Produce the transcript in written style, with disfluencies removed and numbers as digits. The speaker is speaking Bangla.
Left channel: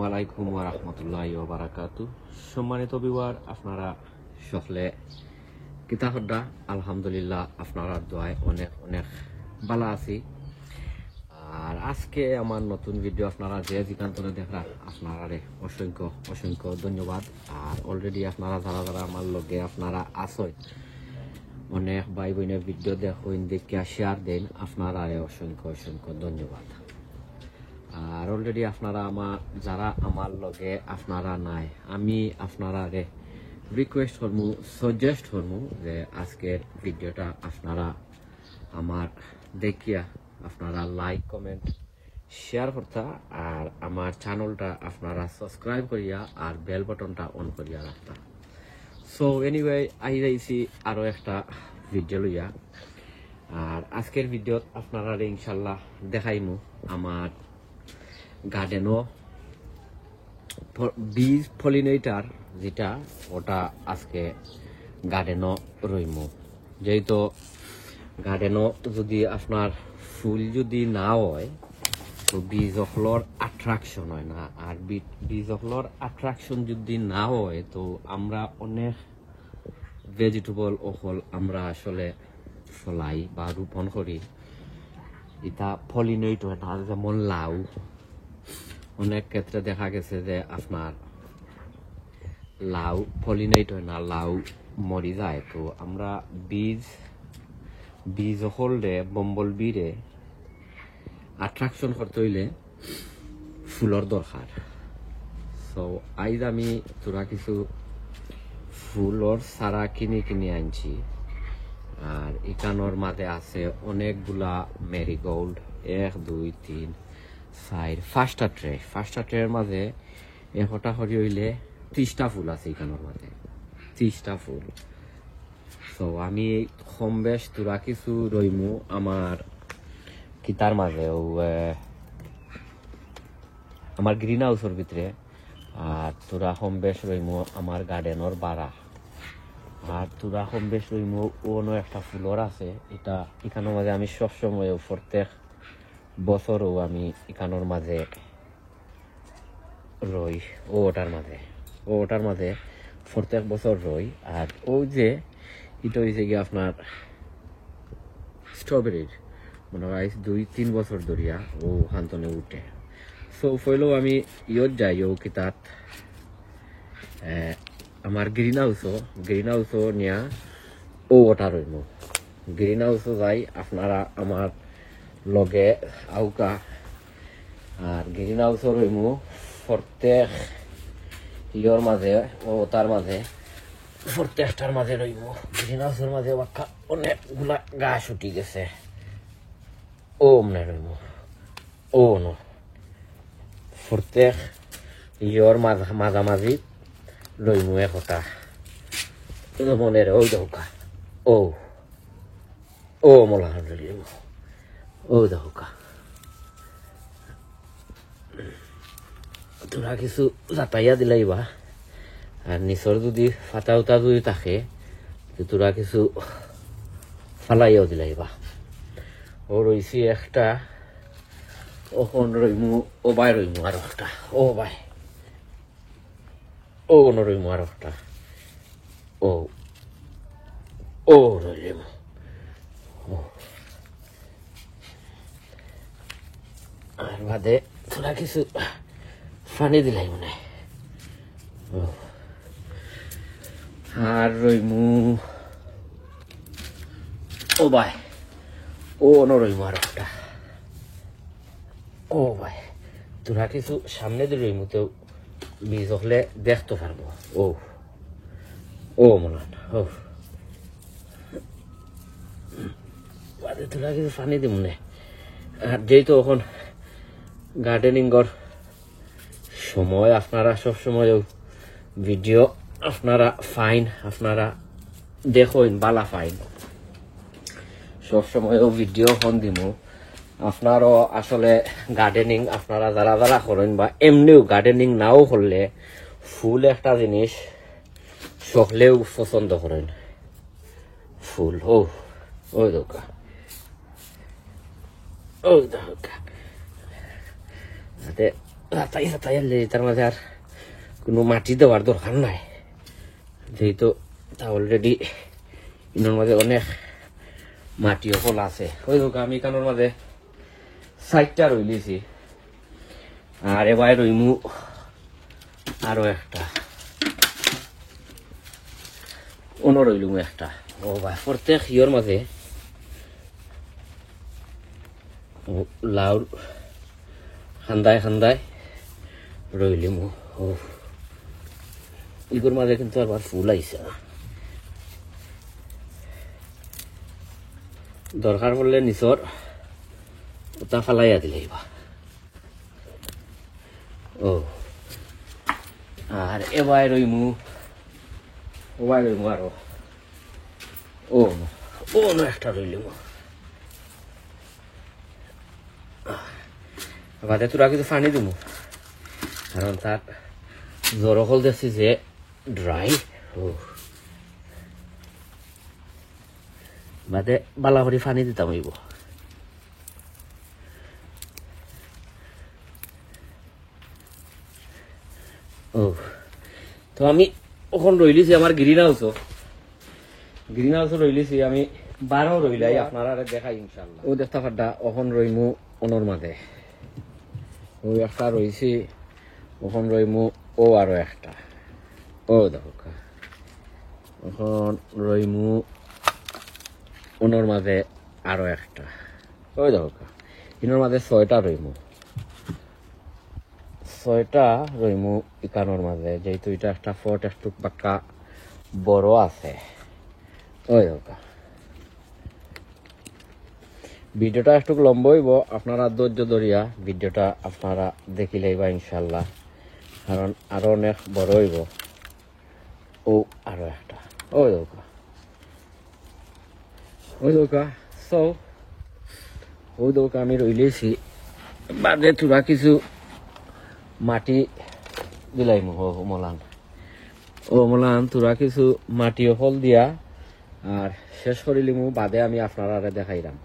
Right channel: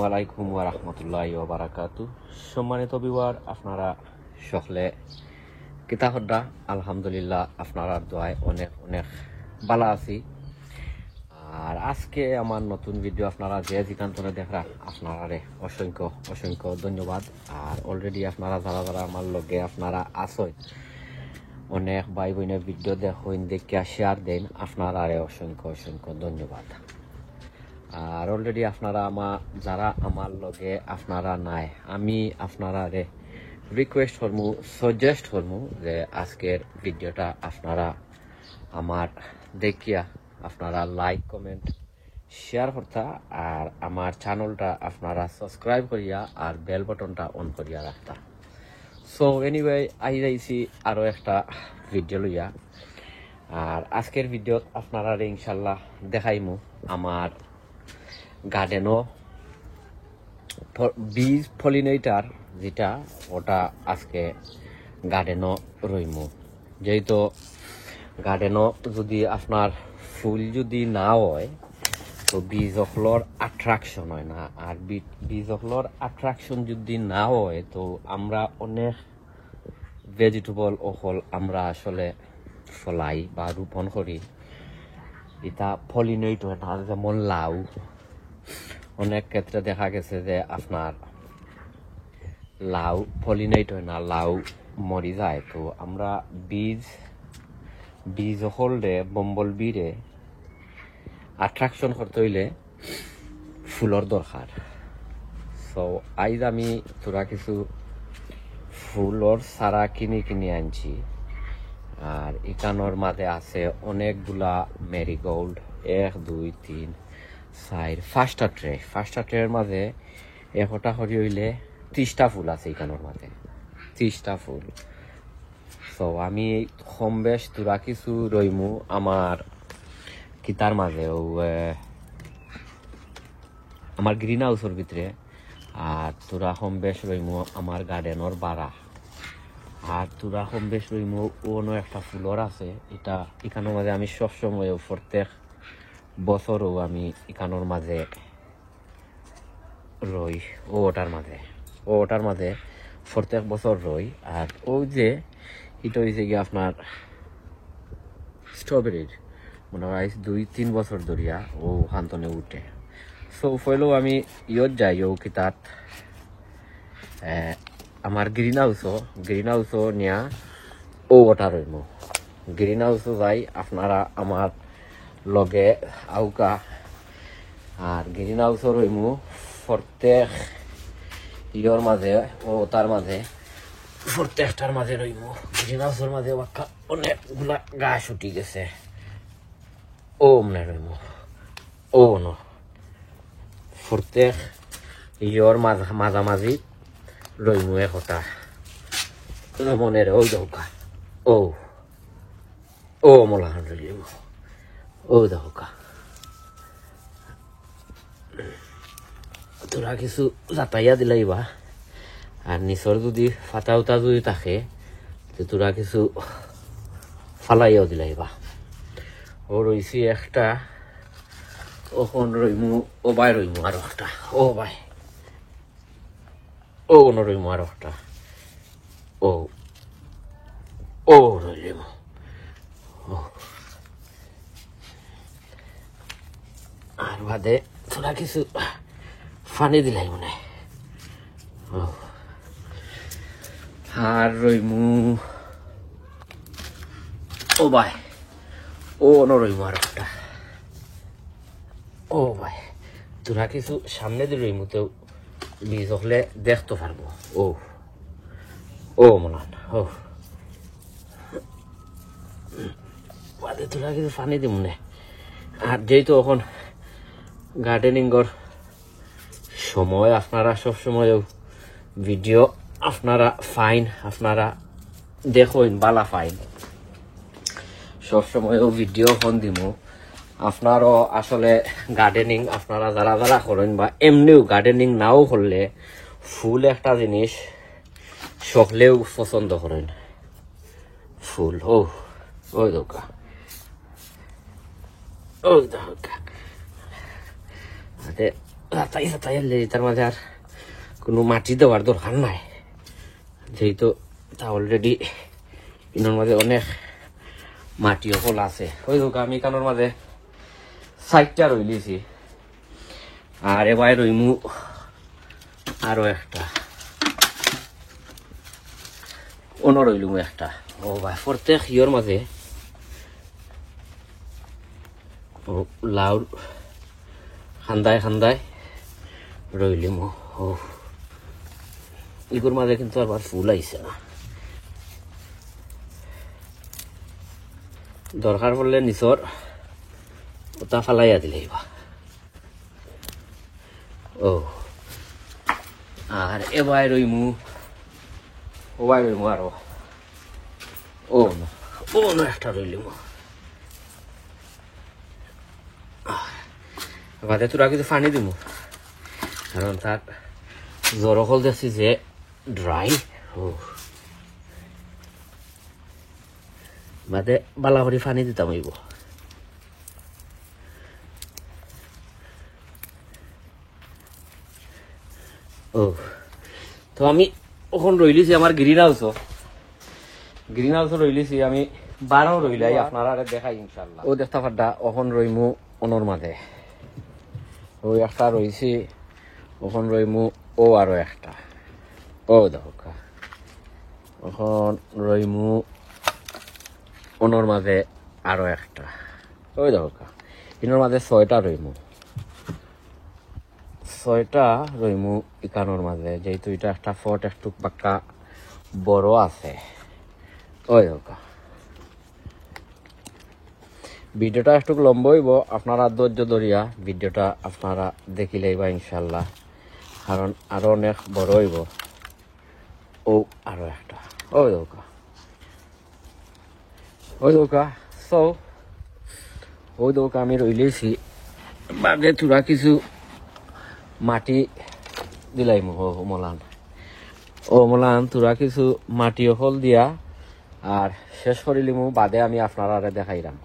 আসসালামু আলাইকুম ওয়া রাহমাতুল্লাহি ওয়া বারাকাতুহু। সম্মানিত ভিউয়ার, আপনারা সকলে কিতা হদ্দা? আলহামদুলিল্লাহ, আপনারা দোয়ায় অনেক অনেক ভালো আছি। আর আজকে আমার নতুন ভিডিও আপনারা যে যেখানে দেখা আপনারা অসংখ্য অসংখ্য ধন্যবাদ। আর অলরেডি আপনারা যারা যারা আমার লগে আপনারা আসই, অনেক ভাই বোনের ভিডিও দেখুন, দেখিয়া শেয়ার দেন, আপনারা অসংখ্য অসংখ্য ধন্যবাদ। আর অলরেডি আপনারা যারা আমার লগে আপনারা নাই, আমি আপনারা রিকোয়েস্ট করমু, সাজেস্ট করমু যে আজকের ভিডিওটা আপনারা আমার দেখিয়া আপনারা লাইক কমেন্ট শেয়ার করতা, আর আমার চ্যানেলটা আপনারা সাবস্ক্রাইব করিয়া আর বেল বাটনটা অন করিয়া রাখতা। সো এনিওয়ে, আই যাইছি আরো একটা ভিডিও লইয়া। আর আজকের ভিডিওত আপনারা ইনশাল্লাহ দেখাইমু আমার গার্ডেনও বীজ পলিনেটার যেটা, ওটা আজকে গার্ডেনও রইমু। যেহেতু গার্ডেনও যদি আপনার ফুল যদি না হয় তো বীজ অফলর অ্যাট্রাকশন হয় না, আর বীজ অফলর অ্যাট্রাকশন যদি না হয় তো আমরা অনেক ভেজিটেবল অফল আমরা আসলে ফলাই বা রোপণ করি, এটা পলিনেট হয় না। যেমন লাউ, অনেক ক্ষেত্রে দেখা গেছে যে আপনার লাউ পলিনেট হয় না, লাউ মরি যায়। তো আমরা বীজ হলডে বম্বল বিরে অ্যাট্রাকশন করতে হইলে ফুলর দরকার। সো আইজ আমি তোরা কিছু ফুলর সারা কিনে আনছি। আর এখানোর মাঝে আছে অনেকগুলা মেরিগোল্ড, 1 2 3 4 ফার্স্টটা ট্রের মাঝে একটা করি হইলে 30টা ফুল আছে এখানোর মাঝে, 30টা ফুল। তো আমি কম বেশ তোরা কিছু রইমু আমার কিতার মাঝে, আমার গ্রিন হাউসের ভিতরে। আর তোরা কম বেশ রইমু আমার গার্ডেনের বাড়া। আর তোরা কম বেশ রইমু অন্য একটা ফুলর আছে, এটা এখানের মাঝে আমি সবসময় প্রত্যেক বছরও আমি এখানোর মাঝে রই, ওটার মাঝে প্রত্যেক বছর রই। আর ওই যে এটা হয়েছে গিয়ে আপনার স্ট্রবেরির, মনে হয় 2-3 বছর ধরিয়া ও হান্তনে উঠে। সো ফইলেও আমি ইয়ত যাই ও কিতাত আমার গ্রিন হাউসও নিয়া ও ওটা রইম। গ্রিন হাউসও যাই, আপনারা আমার লগে আউকা। আর গ্রিন হাউসও রইম প্রত্যেক ইয়র মাঝে ও তার মাঝে প্রত্যেকটার মাঝে রইব। গ্রিন হাউসের মাঝে অনেকগুলা গাছ উঠি গেছে, ও মনে রইব ও ন প্রত্যেক ইয়র মাঝামাঝি রইমু একতা মনের ওই দৌকা ও মলা ও দৌকা। তোরা কিছু যাতাইয়া দিলাইবা, আর নিচর যদি ফাটা উতা যদি থাকে তোরা কিছু ফালাইয়াও দিলাইবা। ও রইছি একটা, ওখন রইমু ও বাই রইমু আর একটা, ও বাই ও রইমু আর একটা, ও রইলিমু আর বাদে তোরা কিছু ফানি দিলাই মনে। আর রইমু ও ভাই ও রইমু আর একটা, ও ভাই তোরা কিছু সামনে দিয়ে রইমু তো বীজ হলে দেখতে পারবো। ও মনান বাদে তোরা কিছু ফানি দি মনে। আর যেহেতু এখন গার্ডেনিংর সময়, আপনারা সবসময় ভিডিও আপনারা ফাইন, আপনারা দেখুন বালা ফাইন, সবসময় ভিডিও ফোন দিব। আপনারও আসলে গার্ডেনিং আপনারা যারা যারা করেন বা এমনিও গার্ডেনিং নাও করলে ফুল একটা জিনিস সকলেও পছন্দ করেন। ফুল ওই দোকা তাই তার মাঝে আর কোনো মাটি দেওয়ার দরকার নাই, যেহেতু তা অলরেডি ইনোর মাঝে অনেক মাটি অচল আছে। ওই হোক আমি কানোর মাঝে সাইডটা রইলিছি, আর এবার রইমু আরো একটা অন্য রইলুম একটা। ও বা প্রত্যেক ইয়র মাঝে লাউ খান্দায় খান্দায় রইলিম। ও ইগুর মাঝে কিন্তু আবার ফুল আইছে না, দরকার পড়লে নিচর ওটা ফালাইয়া দিলেই বা। ও আর এবার রইমু ওয়াই রইমু আরো ও একটা রইলিম। বাদে তোরা কিছু পানি দিব, কারণ তার জরকল দেখছি যে ড্রাই। বাদে বালা করে পানি দিতাম হইব। ও তো আমি ওখান রইলিছি আমার গ্রিন হাউস রইলিছি আমি 12 রইলাই, আপনারা আগে দেখাই ইনশাল্লাহ। ও দেখতে পাড্ডা ওখান রইমু অনর মাঝে, ওই একটা রইছি ওখান রইমু ও আরো একটা। ও দেখো ওখান রইমু অনর মাঝে আরো একটা। ওই দেখো ইনোর মাঝে 6টা রইমু, 6টা রইমু ইকানোর মাঝে, যেহেতু এটা একটা ফট একটু পাক্কা বড় আছে। ওই দেখো ভিডিওটা একটু লম্বা হইব, আপনারা ধৈর্য ধরিয়া ভিডিওটা আপনারা দেখিলেই বা ইনশাল্লাহ, কারণ আরো অনেক বড় হইব। ও আরো একটা ওই দৌকা ওই দৌকা আমি রইলেছি। বাদে থোড়া কিছু মাটি দিলাই মলান তোরা কিছু মাটি ফল দিয়া আর শেষ করিলিমু, বাদে আমি আপনারা আগে দেখাইলাম।